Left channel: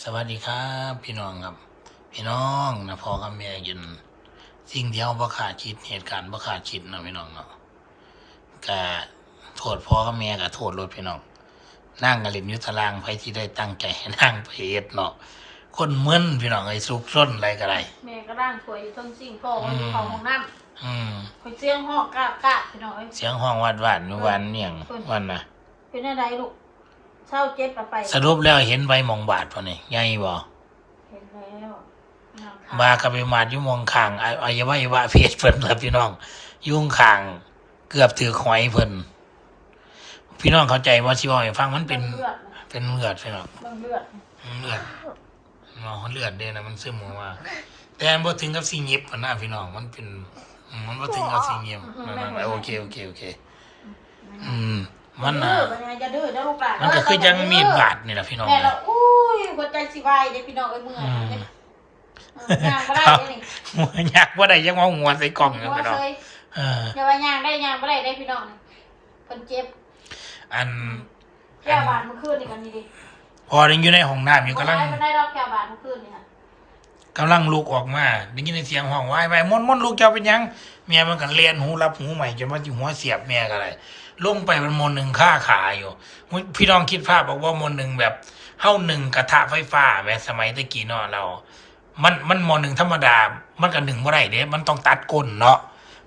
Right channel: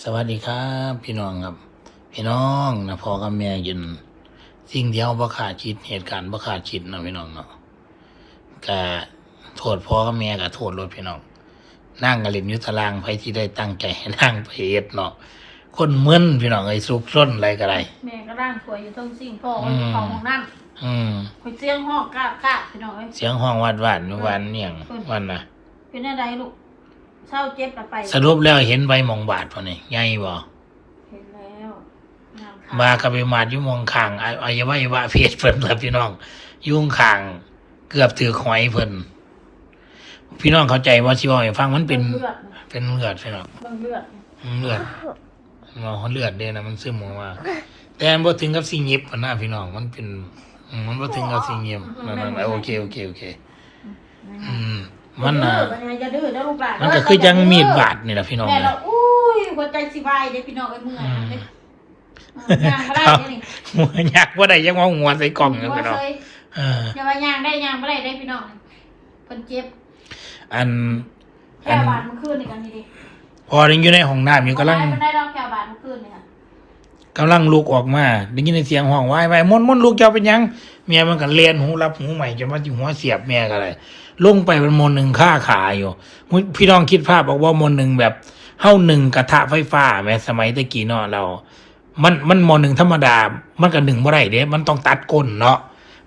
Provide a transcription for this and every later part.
สวัสดีครับ พี่น้องครับ พี่น้องนะพ่อกับแม่ยินสิ่งที่เราบ่ขาดคิดเหตุการณ์บ่ขาดคิดเนาะพี่น้องเนาะก็โทษพ่อกับแม่ก็โทษรถพี่น้องนั่งกันเล่นอยุทธลางไปที่ได้ตั้งใจให้นั่งไปเฮ็ดเนาะคนมึนพี่น้องไอ้ซุกซ่นอะไรก็ได้แม่ก็ร่างสวยอยู่ท้องซิ่งพ่อก็อยู่ของห้องน้อืมำไปเสียงห้องกล้ากล้าพี่น้องเอ้ยเสียงห้องวาดวาดเมื่อวานเนี่ยงวันน่ะเป็นอะไรลูก เศร้าเจ็บละไปสรุปแล้วเห็นใบหมองบาดพอนี่ใหญ่บ่เห็นแล้วน้ำขาดมากับไปมาดอยู่หมองข้างออวัยวะเพศเพิ่นครับพี่น้อง ยุ่งข้างเกือบถือหอยเพิ่นพี่น้องเข้าใจว่าที่บอกให้ฟังมันเป็นเลือดนะเป็นเลือดใช่ไหมเบิ่งเลือดนะเลือดมันเลือดเด้นะมันซึมออกมาแต่มันบ่ถึงกับสิงเย็บปานนะพี่น้องมันเป็นอืมมันบ่ถึงกับสิงเย็บนั่นๆโอเคโอเคโอเค อืม มันน่ะอย่าดื้ออย่าดื้อนะลูกหลานมันก็คือยังมีดบาดนี่แหละพี่น้องแม่นะเราอุ้ยหัวใจสิวายเด้พี่น้องเอ้ยเมื่อยนะเด้เออย่างบ่ได้เด้นี่หัวยากว่าได้ยังว่าหัวใส่กล่องอยู่หัวพี่น้องเคยเอออย่าว่าย่างได้ย่างบ่ได้ได้พี่น้องเพิ่นเจ็บ อันแก้วบาดเมื่อคืนนี่กันนี่ดิพอยังอยู่ในห้องน้ำอยู่กำลังมันได้รอบแก้วบาดเมื่อคืนนี่ค่ะ กำลังลุกออกมาได้ยินเสียงห้องวายไปมนมนลูกเจ้าเป็นยังเมียมันก็เลียนหูรับหูใหม่จะมาจิหัวเสียบเมียกันเลยลงไปเป็นมนหนึ่งฆ่าขาอยู่พี่น้องคิดภาพบอกว่ามนหนึ่งแบบเฮ้าหนึ่งกระทะไฟฟ้าแม้สมัยตะกี้เนาะเรา มันมันมนหนึ่งธรรมดา มันก็หนึ่งบ่อได้เด้มันต้องตัดก้นเนาะ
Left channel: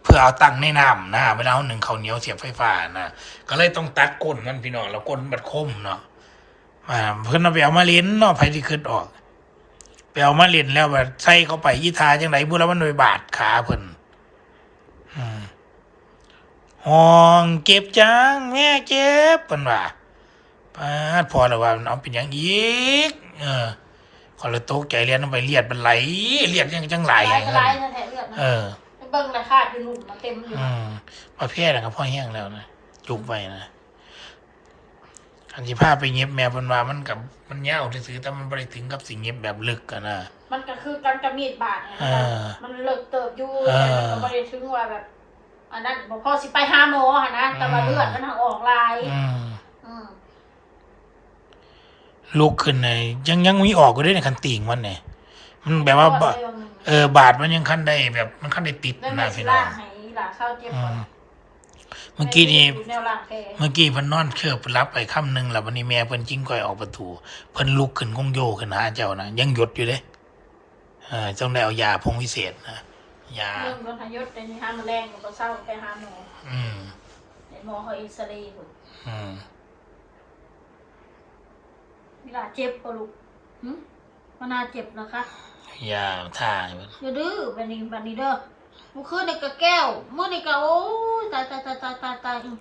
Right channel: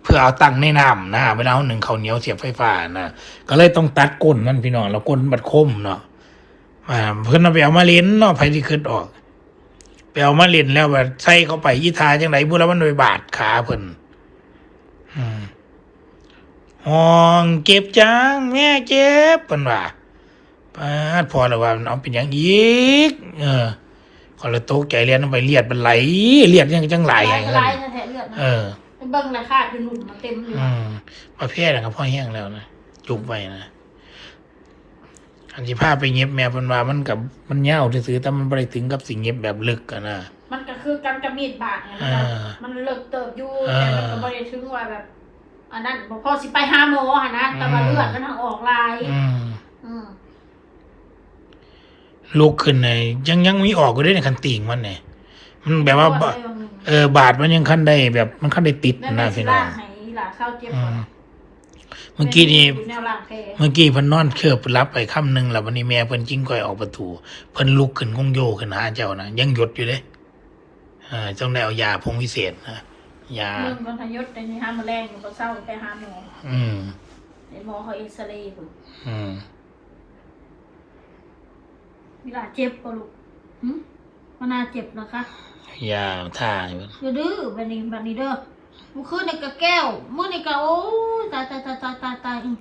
เพื่อเอาตั้งในน้ำนะเวลาเอาหนึ่งเขาเหนียวเสียบไฟฟ้านะก็เลยต้องตัดก้นมันพี่น้องแล้วก้นมันคมเนาะเพิ่อนเอาไปเอามาเล่นเนาะไผที่ขึ้นออก ไปเอามาเล่นแล้วแบบใส่เข้าไปยี่ทาจังไรบุแล้วมันโดยบาดขาเพิ่นอืมห้องเก็บจังแม่เจ็บเพิ่นว่าปาดพอแล้วว่ามันเอาเป็นอย่างอีก เออขอเลยตกใจเลียนลงไปเลียดมันไหลเลียดยังจังไหลลายอย่างกระนั้ไรนแท้ๆเลือดนะเออเป็นเบิ้งเลยค่ะคือหนุ่มมาเต็มอยู่อืมประเภทนะครับพ่อแห้งแล้วนะจุกไปนะ อันที่พาไปเย็บแม่เพิ่นว่ามันกับมันเหี่ยวซื่อๆแต่มันบ่ไปถึงกับสิ่งเย็บแบบลึกกันนะ มันก็คือการกระมีดบาดนะเออมันเลิกเติบอยู่เออแต่มันก็ไม่ได้ถึงว่าแบบอันนั้นบอกพ่อสิไปหาหมออะนะแต่ว่าอืม เลือดมันทางออกลาย อืมอืมลุกขึ้นเลยยังยังมีออกก็ได้ในคันติ่งมันเนี่ยมันแบบว่าบะเออบาดมันยังขั้นได้แบบมันขั้นได้ติดนั่นนะไม่สิพี่น้อล่างงให้หลาเข้าเจ็บอืก่อนม เมื่อกี้นี่แนวล่างแท้เมื่อกี้เพิ่นนอนเคลือบรับไปค่ำหนึ่งแล้ววันนี้แม่เพิ่นจิ้งก้อยออกประตูเพิ่นลุกขึ้นคงโยกขึ้นหาเจ้านะยังหยดอยู่เด้เออจ้องได้เอายาพงวิเศษนะยามึงคนทยศในนี้ห้ามมาแรงอยู่ก็เศร้าไปหาหมออืมไอ้หมอเขาเอ็กซเรย์พุ่นอืมเวลาเจ็บก็ลูกหึมันน่าเจ็บเหรอคะยาท่าอยู่อย่าดื้อบันนี้บันนี้เด้อ มื่อคืนในกระแก้วเมื่อในกระโอ้ยตายตายตายตายตายตายอืม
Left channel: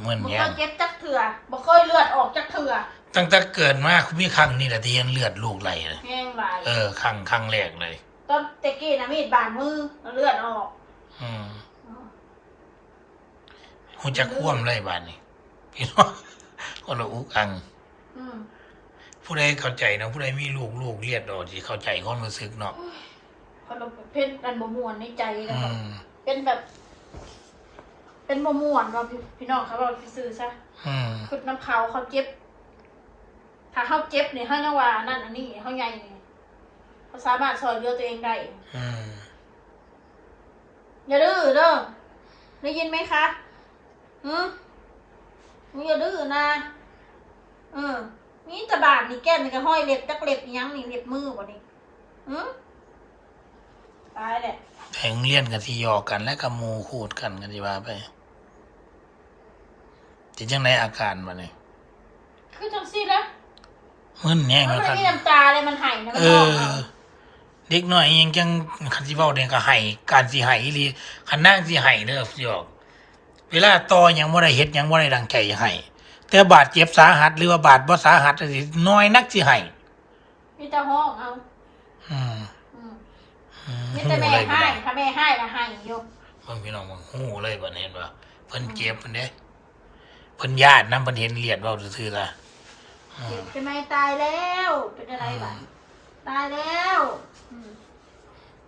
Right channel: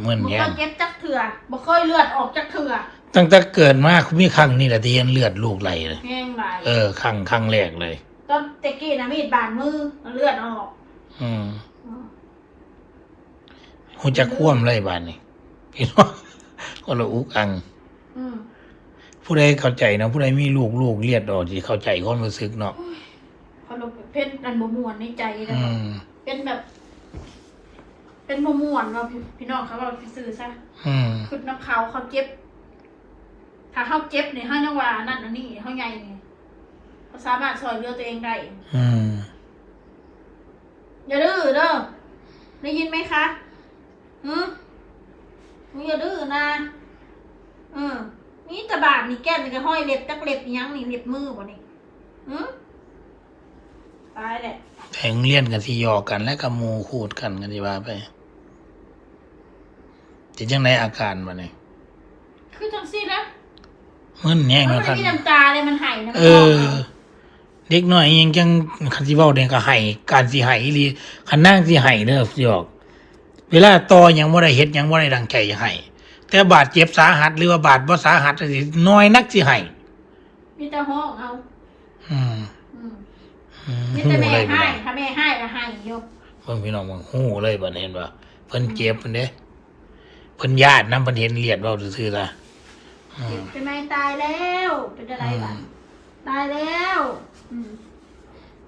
เหมือนบ่แย่เคงยเจ็บจักเถื่อบ่เคยเลือดออกจักเถื่อตั้งแต่เกิดมาคุณมีครั้งนี่แหละที่เห็นเลือดลูกไหลเลย แห้งหลายเออครั้งครั้งแรกเลย ตอนตะกี้นะมีดบาดมือเลือดออกอืมอืมหูจะคว่ำเลยบานนี่พี่น้องคนละอุกอัง อืมผู้ใดเข้าใจเนาะผู้ใดมีลูกลูกเลียดออกที่เข้าใจความรู้สึกเนาะ พอเราเพชรอันบ่ม่วนในใจนะอืครับมเป็นแบบ เป็นบ่ม่วนเนาะพี่พี่น้องเขาบอกซื่อๆซะอืมคือน้ำเขาเขาเจ็บ ถ้าเขาเจ็บเนี่ยเขายังว่านั่นอันนี้เขาใหญ่นี่เขาสามารถช่วยเหลือตัวเองได้ อืมอย่าดื้อเด้อ ได้ยินไหมคะอืมมึงอย่าดื้อนะอืมนี่ตะบาดนี่แก้มนี่ก็ห้อยเล็บจักเล็บอีหยังนี่เล็บมือบ่นี่อืม ตายแหละแทงเลี่ยนกันที่หยอกกันและกับหมูขูดกันกันที่ว่าไปจะจังไรอาการมาเนี่ยคือจังซี่แล้วมึนแย่งมันแล้วไม่กันมีน้ำตาเลยมันไหายน้ำเอตาอ เด็กน้อยยังจังคันที่เว้าเด็กก็ไห้การสิไห้อีหลีคันนั่งสิไห้เด้อสิออก เวลาต่อยังบ่ได้เฮ็ดยังบ่ได้ดังใจจะไห้แต่บาดเจ็บสาหัสหรือว่าบาดบ่สาหัสสิน้อยนักสิไห้มีแต่ห้องเอาอืมอื มอืมมีแต่แม่เลยพี่ให้น้องถ้าแม่ให้ก็ให้อยู่เพิ่นพี่น้องมึงฮู้เลยบัดนี้เห็นว่าเพิ่นเจ็บเพิ่นเด้เพิ่นญาตินำเพิ่นเห็นเลือดเว้าซื่อๆล่ะอืมเป็นไงตายแล้วเป็นอะไรบ้างตายแล้วอืม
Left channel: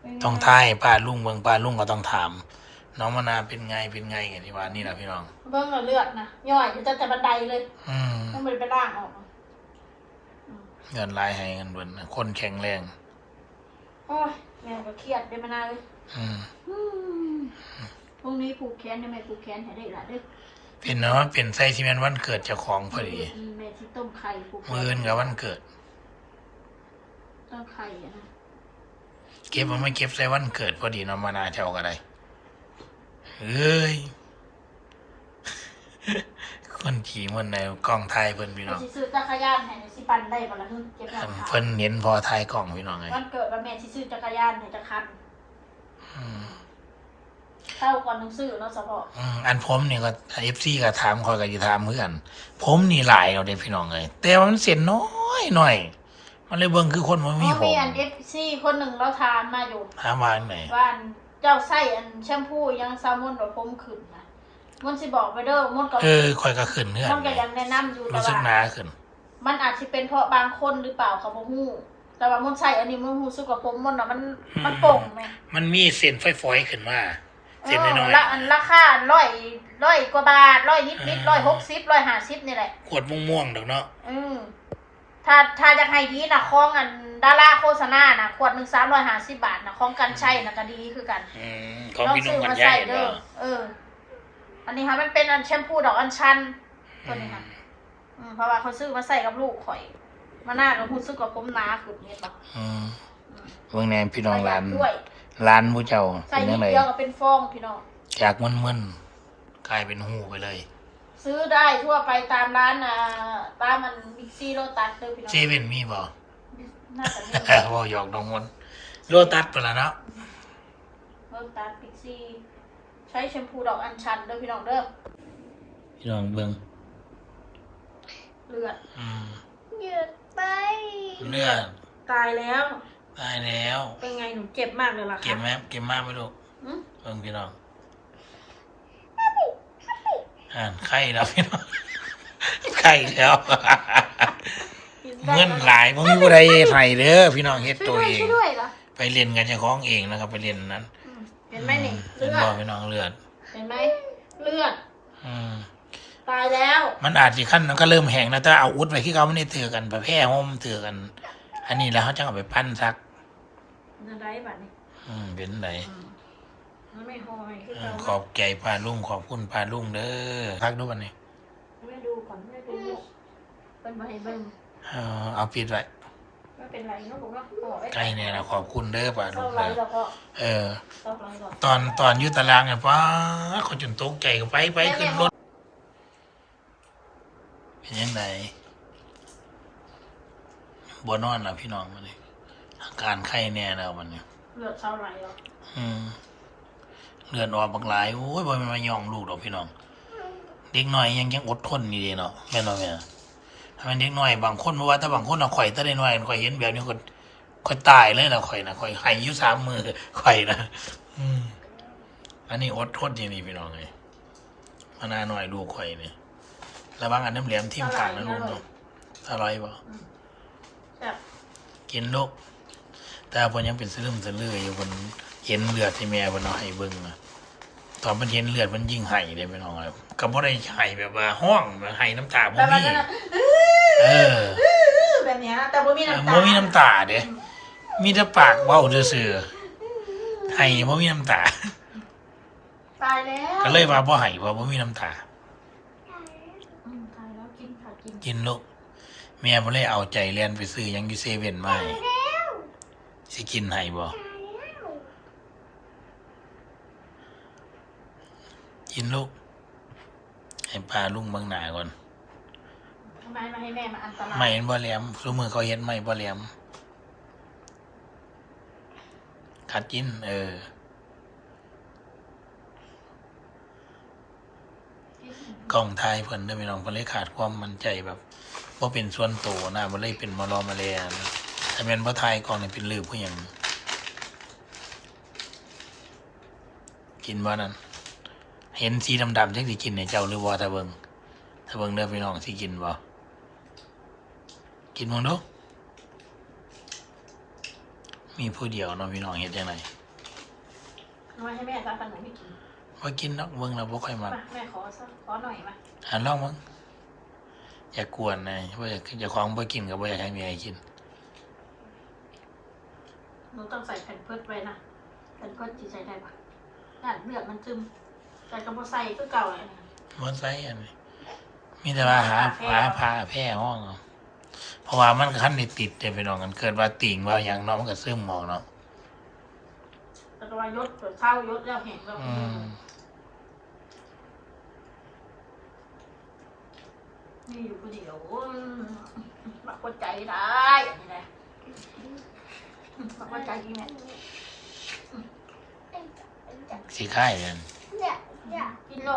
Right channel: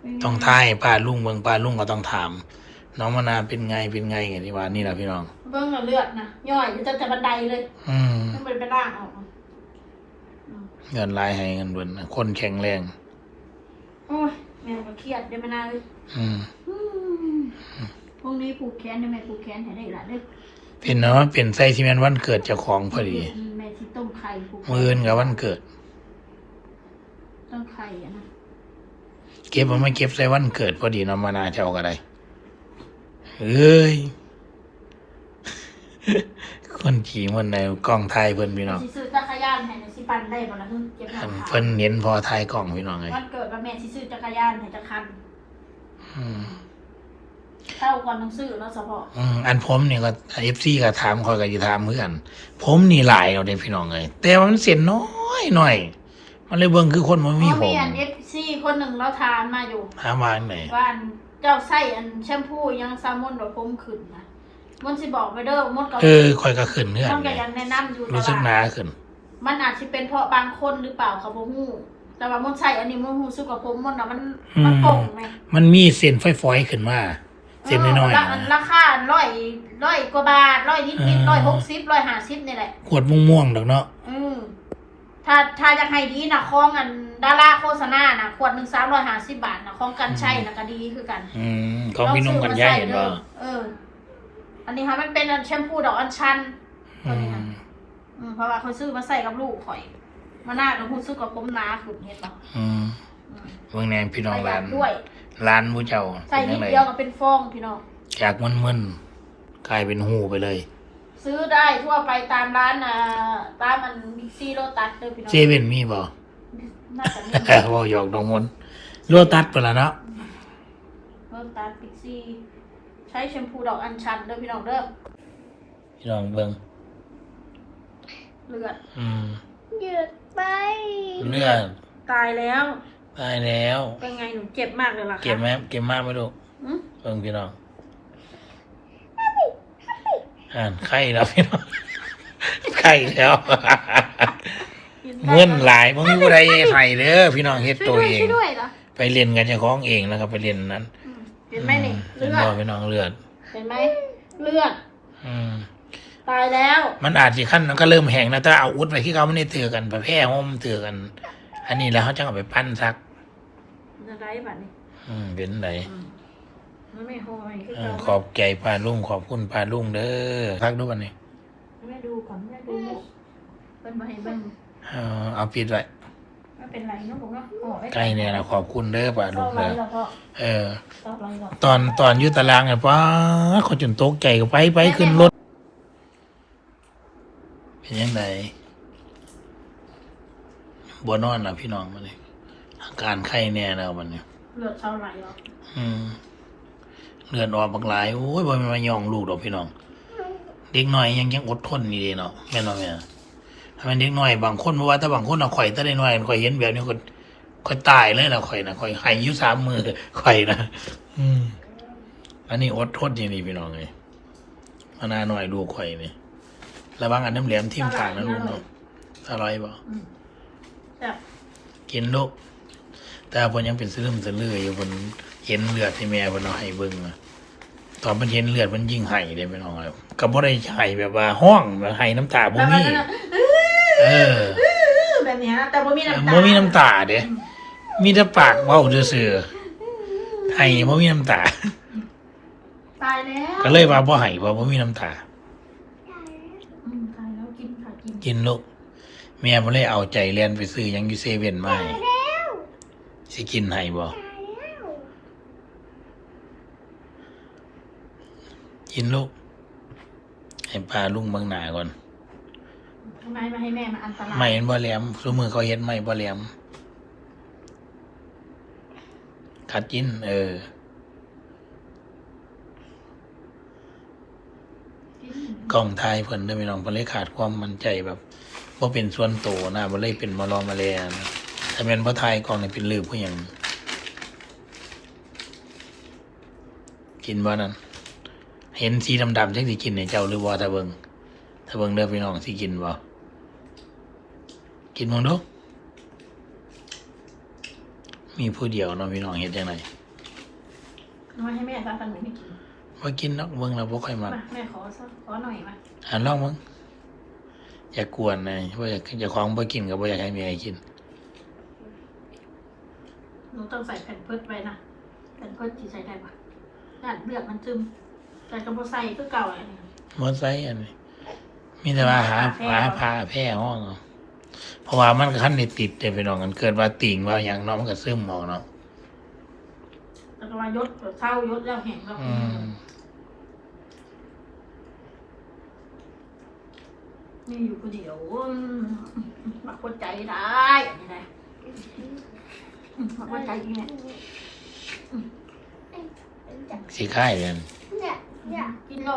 เป็นไต้องทายป้าลุงเบิ่งป้าลุงก็ต้องถาม น้องมานาวเป็นไงเป็นไงไงที่ว่านี่ล่ะพี่น้องเบิ่งเอาเลือดนะย่อยอยู่ตั้งแต่บันไดเลย อืมต้องไปไปล่างออกอืมเงินลายให้เงินเบินคนแข็งแรงโอ้ย แม่ก็เครียดเดี๋ยวมานาเลยอืมอืมพรุ่งนี้ผูกแขนได้ไหมผูกแขนให้ได้ละเด้อเป็นเนาะเป็นไส้ที่แม่นวันเกิดเจ้าของพอดี แม่ที่ต้มไข่ผูกแขมือนกับวันเกิด ต้มไข่อะนะเก็บมันไม่เก็บใส่วันเกิดพอดีเนาะมานาเจ้าก็ได้เอ้ย คนขี่มันในกล้องไทยเพิ่นพี่น้อง สิซื้อจัก รยานให้ในสิปันได้บ่ล่ะเพิ่นเจ็บหลัอังนขาเพิ่นเห็นพอไทยกล้องพี่น้องไงวันเกิดว่าแม่สิซื้อจักรยานให้จักคันอืมเท่าก่อนต้องซื้อแล้วเฉพาะอืมอันผมนี่ก็เอฟซีก็ถามคอยก็จะถามเพื่อนผมนี่หลายเอาเด้พี่น้องเลยแต่ว่ามันเสียน้อยหน่อย มันเลยเบิ่งคือคนมันมีผมีมอัน FC คนหนึ่งเราทานมาอยู่ ถามมาอันไหนว่าอันเจ้าใส่อันแชมพูยังซามอนดอกผมขึ้นนะมันสิบอกไปเด้อมันก็เออคอยก็ขึ้นเพื่อนมันก็ไงยังแนะนำอยู่แต่รู้สึกหว่านาขึ้น มันอาจจะเป็นเพราะบางคนหรือเปล่าเขาบ่ฮู้แต่ว่ามันใส่อันนี้มันรู้สึกว่าผมมันน่ะมันมันโป่งไหมมันมีเส้นไฟฟอยๆขึ้นมา เส้นน้อยเละอันราคาร้อยร้อยกว่าบาทร้อยนิดนิดร้อยหกสิบร้อยห้าสิบนี่แหละๆขวดม่วงๆดอกเนาะ อืมถ้าถ้าอยากให้ดีนะคองอันดาราโฆษณานะขวดหนึ่งสามร้อยห้าสิบบาทนะของกันใช้นะก็ดีคือกันอืมของลองพี่นุ่ซื้งอกันมาใหญ่ใส่บ่เด้อเออ อันนี้ค่ะมันเป็นอันแชมพูดอกอัญชันตัวนี้ค่ะ อืม เพราะว่าเขาซื้อมาใส่กับลูกข่อย มาหน้าเรารู้สึกว่าผมหนาขึ้นเนี่ยต่ออืมเบิ่งแนนพี่น้ปองระหยัร้าดนด้วย ร้านผู้เจ้าใส่เป็นนิยัดงไงเดียวก็เป็นฟองพี่น้อง จากมึนๆกลายเป็นหูไปเลย ซื้อได้ทั่วไปตามร้านอ่าตามมันบิ๊กซีโรตัสเด้อพี่น้องเจเว่นมีบ่ น่าจะมีบ่หยอกน้องมนต์โลตัสไปแล้วเนาะโรตัสบิ๊กซีใช้แชมพูดอกอัญชันเด้อพี่น้องเด้อพี่น้องเบิ่ง เลือดอืมเลือดไป เลือดตายแล้ว ตายแล้ว เป็นไงหนูเจ็บมากเลยล่ะคะเก็บไหมเก็บมากไหมลูกอืมเบิ่งพี่น้องอ่านไข้แล้วพี่น้องไข้แล้ว เงินหลายบ่มีผู้ใดไห้เด้อพี่น้องเฮ็ดช่วยตัวด้วยเอง ช่วยด้วยเหรอไปเรียนกันเจ้าของเองนะครับ ไปเรียนนั้นอืมเห็นไหมนี่เห็เลืนอบ่ดพี่น้องเลือด เห็นไหมเลือด อืม ตายแล้ว มันอาจสิขั้นมันก็เริ่มแห้งแล้วถ้าเอาอุดไว้ที่เขาไม่ได้ถือกันประแพร่ห่มถือกัน อันนี้แล้วเขาจะเอาไปปั้นซักอะไรบัดนี้อืมเป็นไหนอืมมันไม่หอยคือเอเก่าอขอบใจปลาลุงขอบคุณปลาลุงเด้อพักดูวันนี้แม่ดูก่อนแม่ดูเป็นมาให้เบิ่งเออเอาปิดไว้ไม่เป็นไรเนาะผมเนาะอ๋อไว้ใกล้เนี่ยนะขอบคุณเด้อปลาลุเข้างไรเด้อแล้วก็เออเข้าไรก่อนตอนตอนอยุตารางเนี่ยป้าเขาจนตกใจไปไปขึ้นรถ เป็นยังไงบัวนอนนะพี่น้องมาเลยอาการไข้แน่แล้วมันเนี่ยเลือดเข้าไรหรออืมเลือดออกบางหลายโอ้ยบ่แมันมาย่องลูกดอกพี่น้อง เด็กน้อยยังยังอดทนอยู่ดีเนาะแม่นบ่แม่ถ้ามันเด็กน้อยบางคนเพราะว่าถ้าบางคนเอาข่อยถ้าได้น้อยข่อยเห็นแบบนี้ข่อยข่อยตายเลยล่ะข่อยนะข่อยให้อยู่สามมือข่อยนะอืมอันนี้อดทนอย่างนี้พี่น้องเลยมานาหน่อยดูข่อยนี่ ระวังอันน้ำเหลี่ยมทิ่มกลางนะลูกเนาะอร่อยบ่อืมแบบกินลูกแต่เพิ่นยังเป็นสลืมสลืออยู่เพิ่นเห็นเลือดที่แม่เพิ่นเอาให้เบิ่งอะตอนเพิ่นเห็นเลือดเพิ่นยิ่งให้ได้พี่น้องครับก็บ่ได้ให้แบบว่าห้องแบบให้น้ำตาบ่แต่มันมีนั่นน่ะเออแบบเนี้ยแต่บ่มีน้ำตาบ่มีน้ำตาเด้มีแต่ปากเว้าซื่อๆให้บ่มีน้ำตาตายแล้วก็เลยว่าบ่ให้เพราะบ่มีน้ำตา อืมตายแล้วกินค่ะ กินกินลูกแม่บ่เลยเอาใจเรียนไปซื้อหยังอยู่เซเว่นมาให้สิกินให้บ่กินลูก ให้ปลาลุงเบางหน้าก่อนทำไมไม่ให้แม่มาอันตรายไม่เห็นบ่แหลมซุมือเขาเฮ็ดไม่บ่แหลมคัดกิน เออ กล้องถ่ายเพิ่นเด้อพี่น้องเพิ่นเลยขาดความมั่นใจแบบบ่เป็นส่วนโตวนะบ่เลยเป็นมารอมาแลนะถ้าแม่นบ่ถ่ายกล้องนี่เป็นลืบผู้หยังกินบ่นั่นเห็นสีดำๆจังสิกินให้เจ้าหรือบ่ถ้าเบิ่งถ้าเบิ่งเด้อพี่น้องสิกินบ่กินบ่ดูมีผู้เดียวเนาะพี่น้องเฮ็ดจังไดเอามาให้แม่ทำขนมให้กิน ว่ากินนอกเบิ้งเราบ่ค่อยมมาแม่ขอสักขอหน่อยมาหาลองมึงอย่ากวนนะว่าอยากอย่ของบ่กินกับบ่อยากให้มีอะไรกินหนูต้องใส่แผ่นเพิดไว้นะแผ่นเพิดจีใส่ได้ปะนั่นเลือกมันซึมแต่กระโปรงใส่ก็เก่าอะมอไซค์อันนี้มีแต่ว่าหาหาพาแพรห้องเพราะว่ามันขั้นในติดเดี๋ยวไปนอนกันเกิดว่าติ่งว่าอย่างน้องก็ซึมหมองเนาะ แต่ก็มายศเช้ายศแล้วแห้งแล้วอืมนี่อยู่คนเดียวมาคนใจได้อันนี้นะมาคนใจยังไงสีค่ายเลยกินโล